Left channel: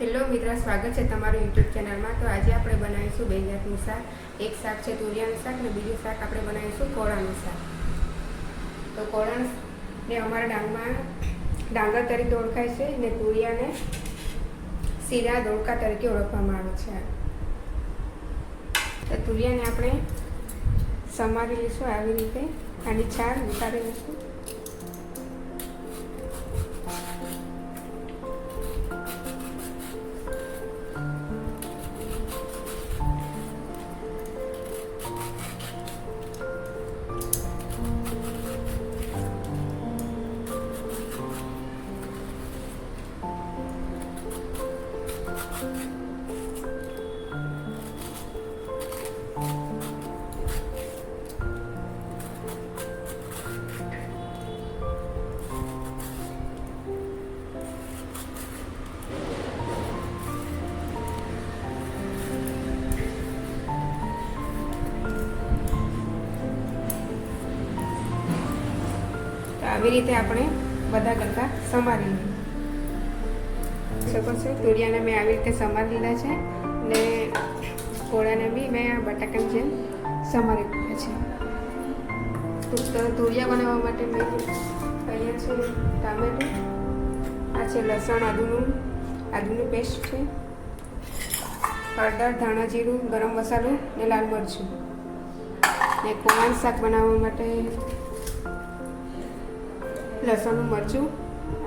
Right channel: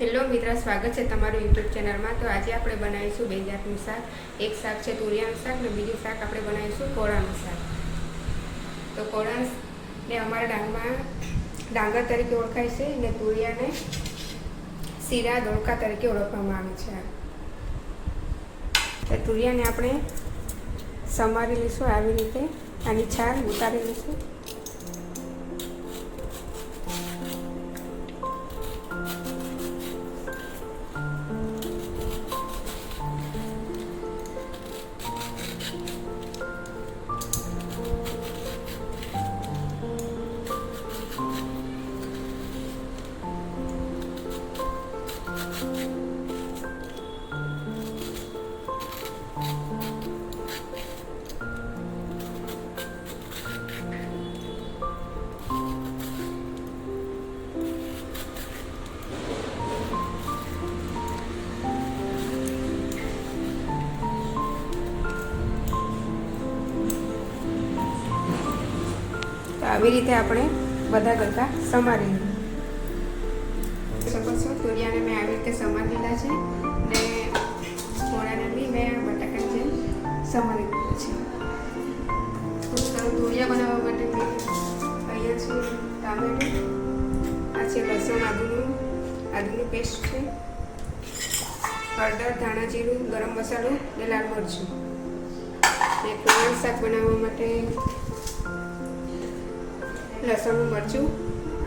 Hello મિત્ર, સ્વાગત છે તમારું યુટ્યુબ ચેનલમાં. તો આજે આપણે બનાવીશું બે જાતનું શાક. એક શાક છે તુરિયાનું શાક ને બીજું શાક આપણે બનાવીશું કોળાનું શાક. તો કોળાને અમારા ડાંગમાં ડાંગર તરીકે ઓળખાય છે ને તુરિયાને શીરા દોડકા તરીકે ઓળખવામાં આવે છે. તો તુરિયાને આપણે સમારી લઈશું આવી રીતે. આની છાલ ઉતારી લઈશું. આવી રીતે આપણે બધા ગરકા સમારી લઈએ શકો છો? તુરિયાને મેં આવી રીતે સમારી લીધા છે ને ઘોડાને બી મેં આ બટાકાની જેમ સમારી લીધા છે. તો તુરિયા બનાવવા માટે મેં અહીંયા છે ટામેટું. આ છે લસણ, આદુનું, આદુની પેસ્ટ છે. હળદર, ધાણા જીરું, ગરમ મસાલો ને લાલ મરચું. ને કોણ શાક બનાવવા માટે લસણનું મરચું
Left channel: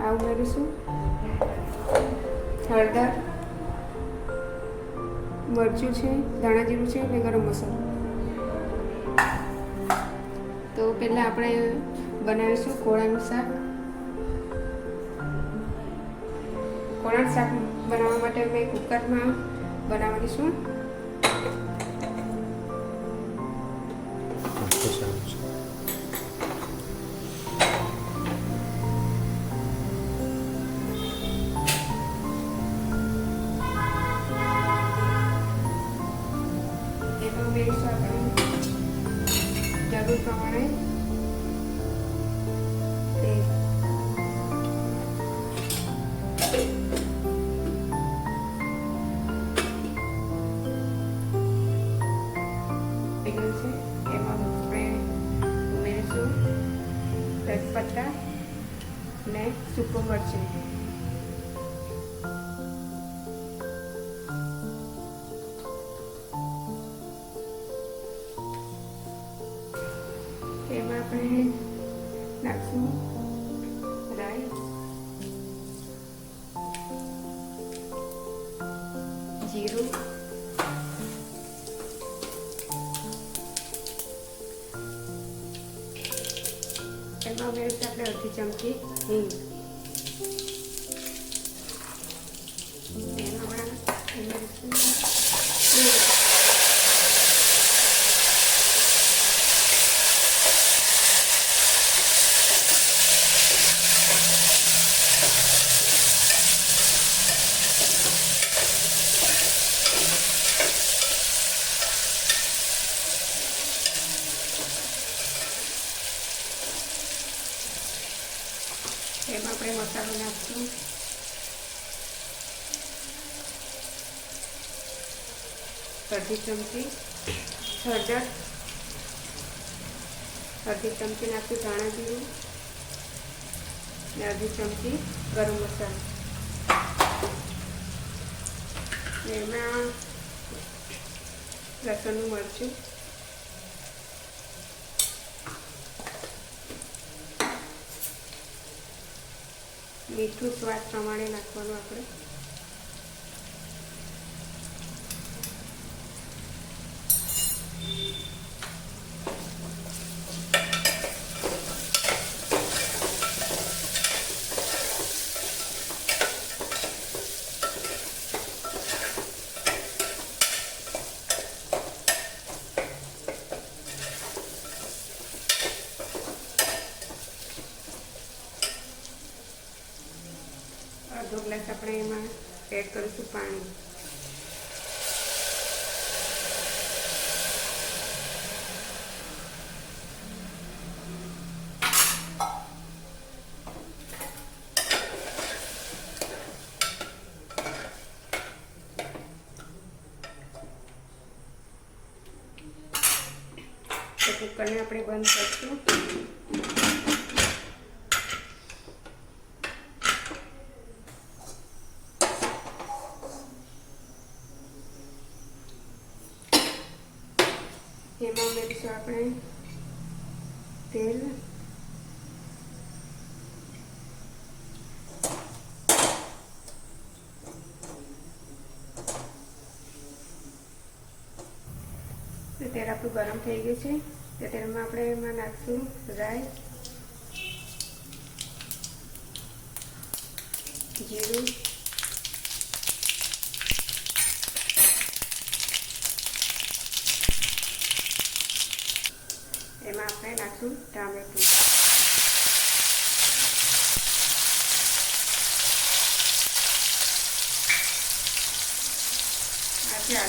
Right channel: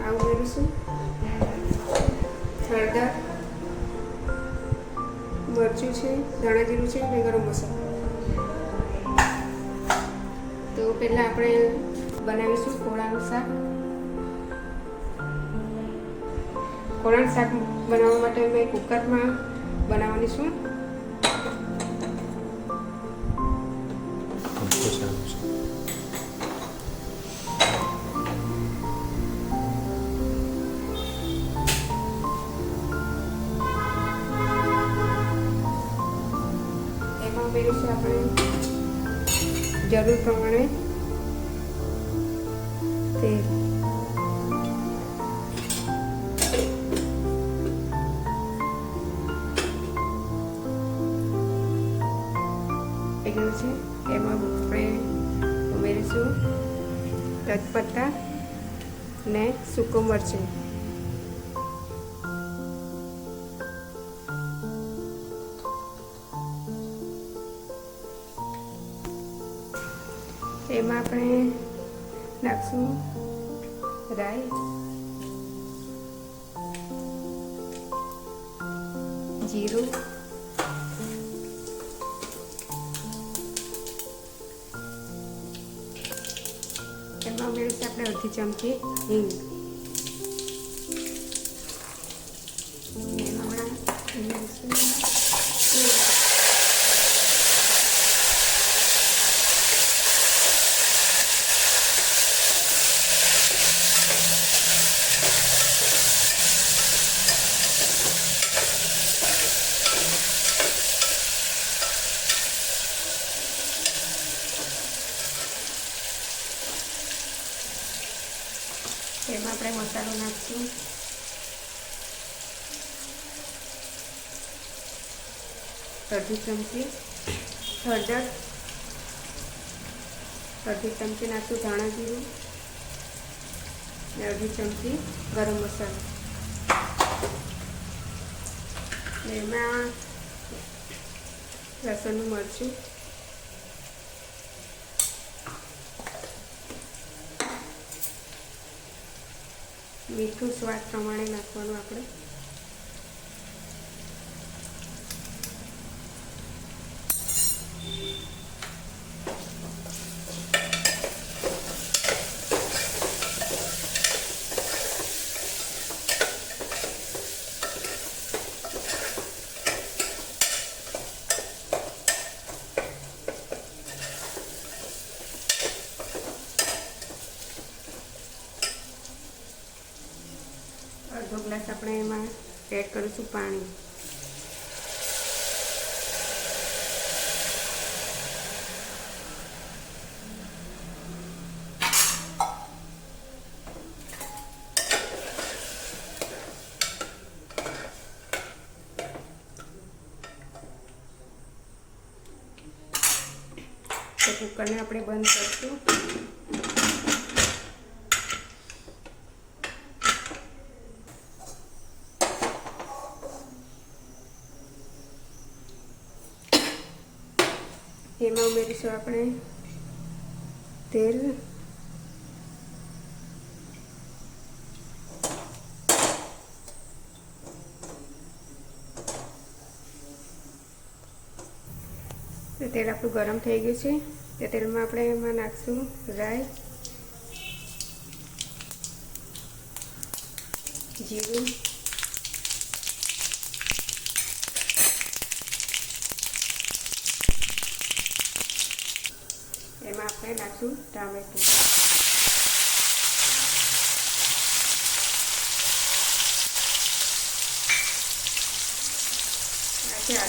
આ ઉમેરીશું હળદર, મરચું છે, ધાણા જીરું છે અને ગરમ મસાલો. તો પહેલાં આપણે બનાવીશું કોળાનું શાક. કોળાનું શાક બનાવવા માટે મેં કુકરમાં બનાવવાની છું ઉમેરીશું આપણે. જરૂર પ્રમાણે. તેલ છે. એમાં આપણે ઉમેરીશું. તજપત્તા ને સૂકું મરચું. એમાં આપણે નાખશું રાઈ જીરું એમાં ઉમેરીશું આપણે અડધી ચમચી હિંગ એમાં ઉમેરીશું લીંબ. એમાં આપણે મસાલો નાખશું. અડધી ચમચી હળદર. અડધી ચમચી નાખશું ધાણા જીરું. ને અડધી ચમચી ગરમ મસાલો. ને એમાં લસણનું મરચું. મીઠું સ્વાદ પ્રમાણે નાખવાનું આપણે. kau cepatan, cepetkan ya apda ban. એમાં ઉમેરીશું આપણે તેલ. તેલ આપણું ગરમ થઈ ગયું છે. તે તેલમાં આપણે એમાં નાખશું રાઈ, જીરું એમાં આપણે નાખશું ટામેટું આ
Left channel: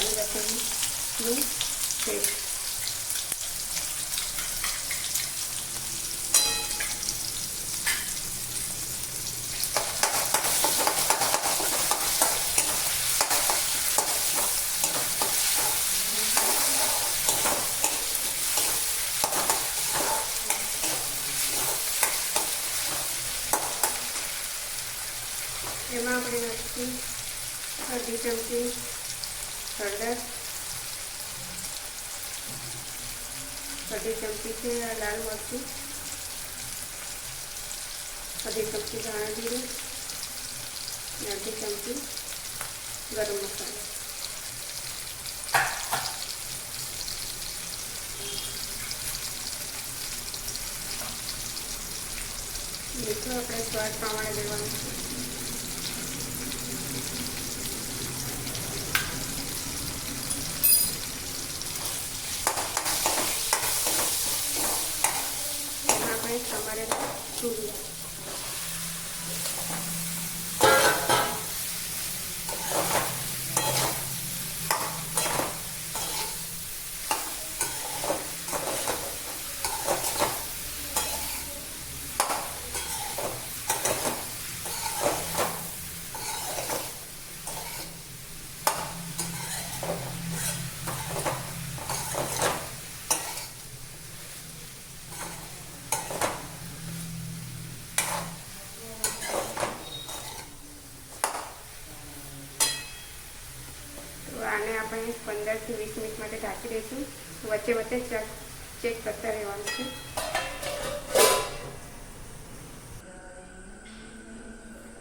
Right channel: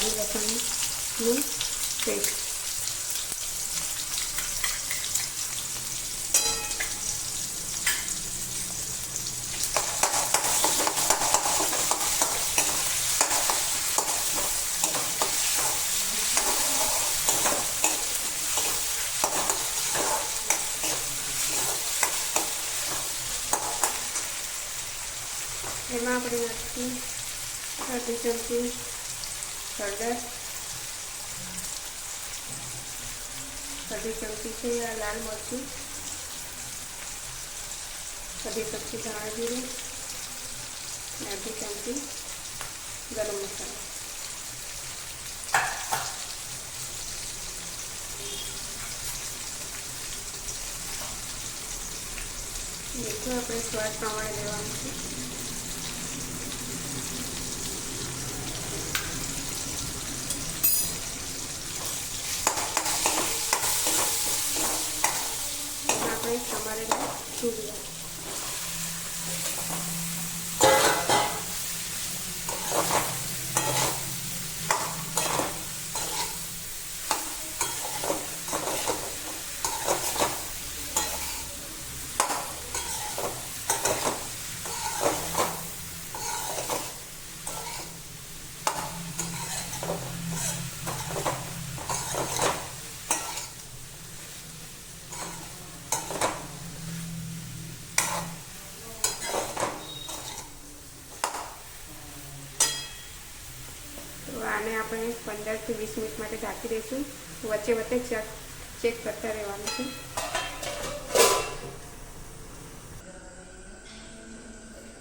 છે એમાં આપણે નાખીશું અડધી ચમચી હળદર અડધી ચમચી છે આ લાલ મરચું અડધી ચમચી ધાણા જીરું અને ચમચી ગરમ મસાલો મીઠું આપણે સ્વાદ પ્રમાણે દેવાનું છે চলে પંદરથી વીસ મિનિટ માટે ઢાંકી દઈશું. વચ્ચે વચ્ચે ચેક કરતા રહેવાનું છે.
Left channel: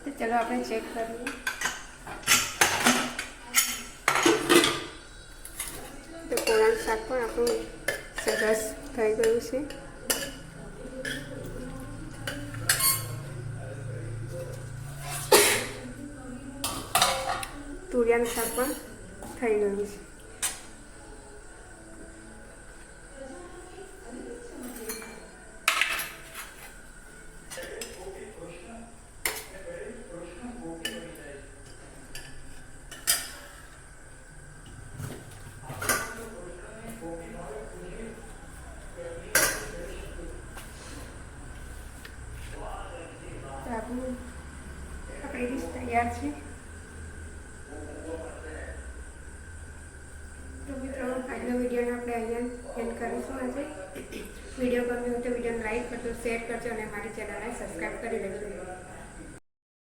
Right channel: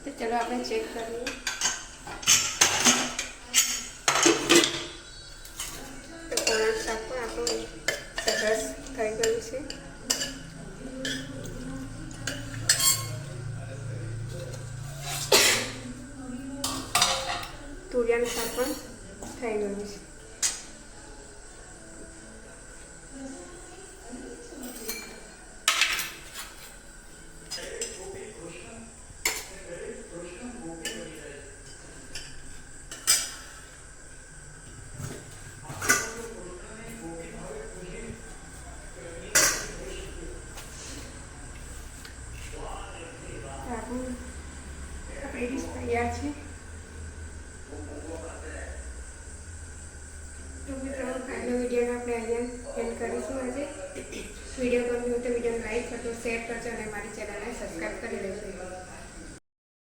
તો ચલો આપણે ચેક કરીએ. તો કોળાનું શાક પણ આપણું સરસ થઈ ગયું છે. તુરિયાનું શાક પણ થઈ ગયું છે આપણું આપણી તૈયાર છે તો મિત્રો આજનો વિડીયોને આપણે અહીંયા એન્ડ કરીશું આજે વીડિયો ગમ્યો હોય તો વિડીયોને લાઈક કરજો શેર કરજો અને મારી ચેનલને સબસ્ક્રાઈબ કરી દેજો